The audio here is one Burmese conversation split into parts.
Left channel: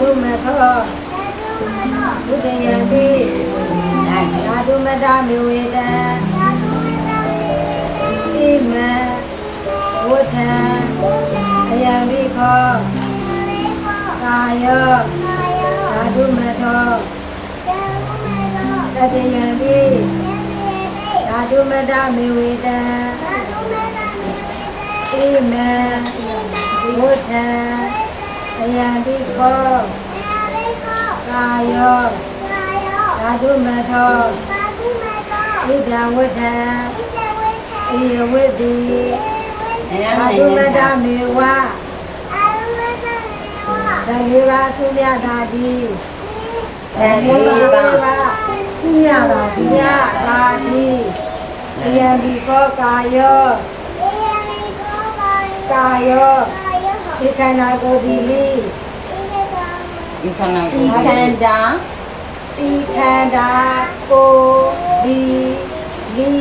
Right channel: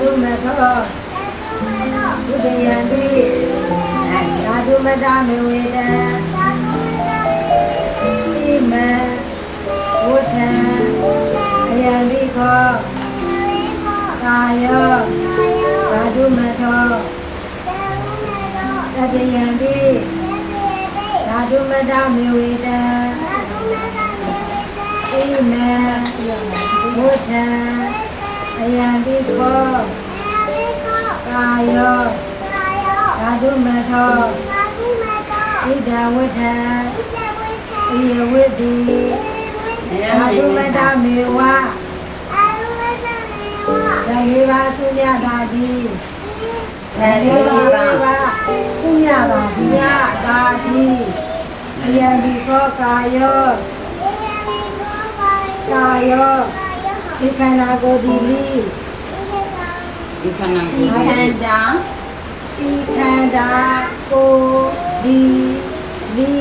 ဓုမထောဝိတယံတိဓာတုမတမေဝေတံဣမံဝဋ္ဌံအယံပိခောကာယောဓာတုမထောတတယံပိဓာတုမတမေဝေတံဣမံဝဋ္ဌံအယံပိခောကာယောဓာတုမထောဣဒံဝဋ္ဌံဣယဝိတိဓာတုမတမေဝဓာလေးပါသုမြတာတိဓာလေးပါသုမြတာတိမြတာတိအယံပိခောကာယောဒီခန္ဓာကိုယ်ဒီလိဒီခန္ဓာကိုယ်ဒီလိ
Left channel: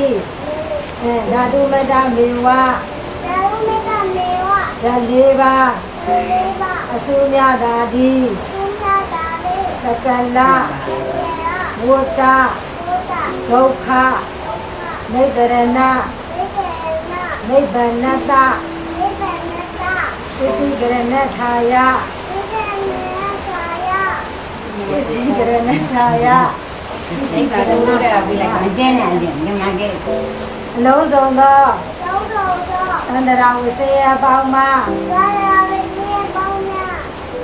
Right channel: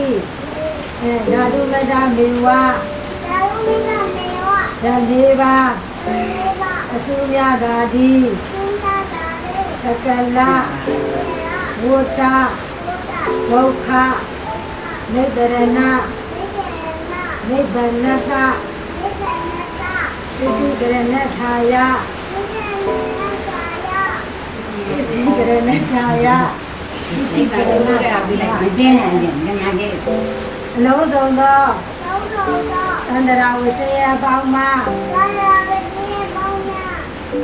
ဓာတုမတမေဝဓာလေးပါအစုမြတာတိသကလဝတ္တဒုက္ခနိဗ္ဗာန်နိဗ္ဗာန်တသစ္စည်းကရဏထာယသစ္စည်းကရဏထာယသစ္စည်းကရဏထာယမကျဲနိုင်ရင်ငါကျဲအလုံးစုံသောသန္တရာဝိစေယပေါင်းမှာ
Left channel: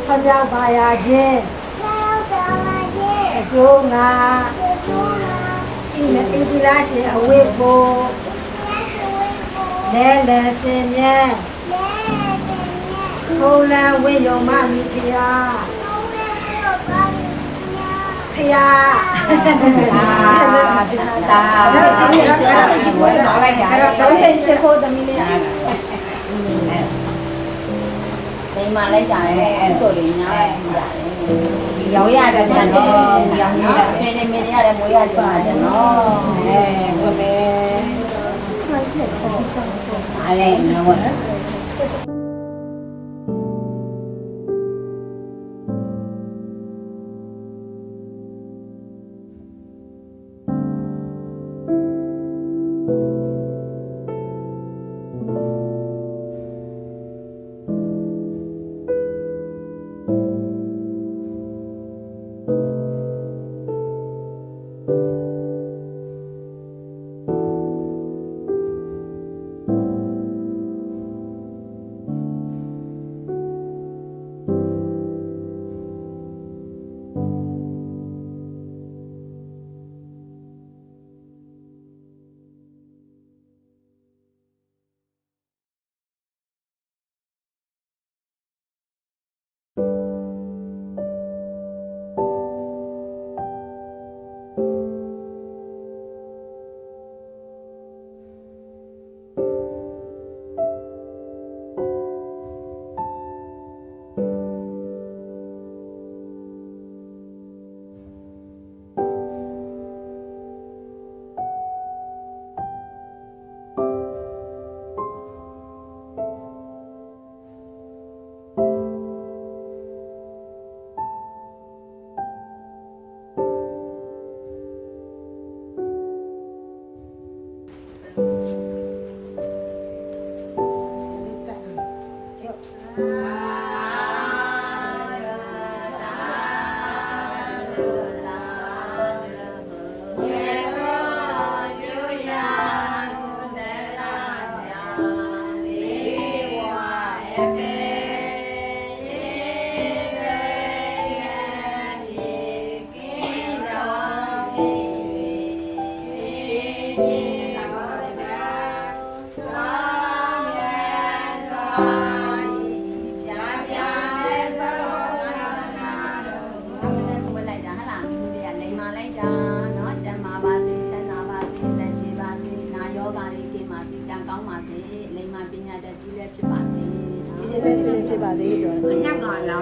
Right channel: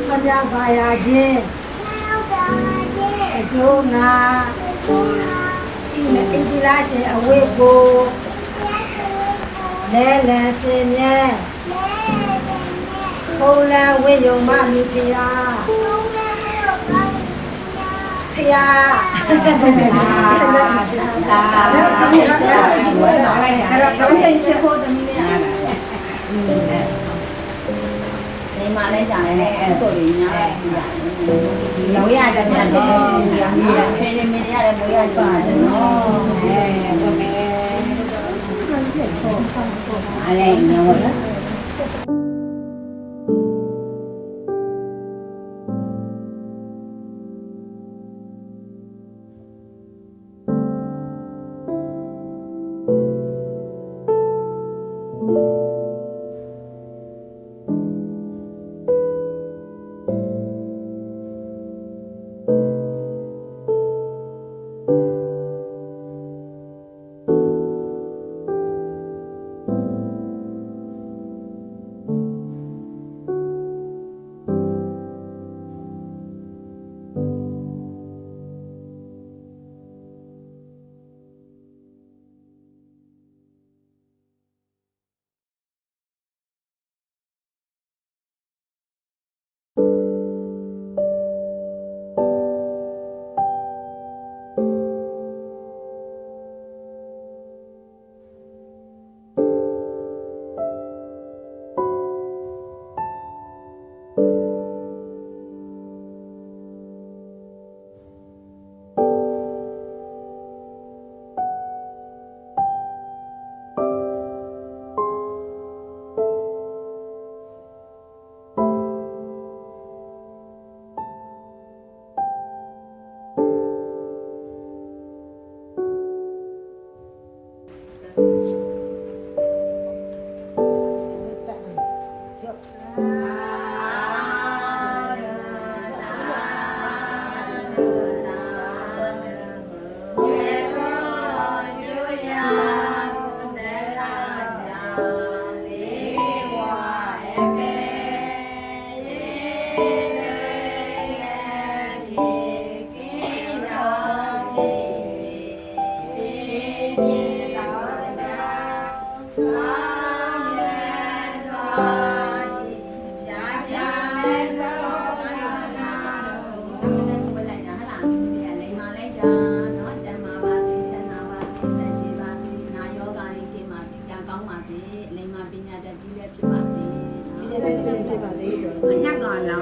ဖျားပါရခြင်းအကျိုးငါဤမဣတိလာရှင်အဝိကိုလဲလဲစင်မြဲဘုံလံဝိယုံမမိဖျားဖျားတော့ချင်းရတာရှိဘူးလားအဲ့တော့တိုင်းရှိဖို့တမီးလေးဒီမှာလိုက်ကြတယ်အဲ့တို့တွေညားရတယ်ရောရကြတယ်နော်ဖေးလေးမင်းရတယ်မွေးရကြတယ်နော်ဟုတ်တယ်အားလည်းနော်အညက်ကလာ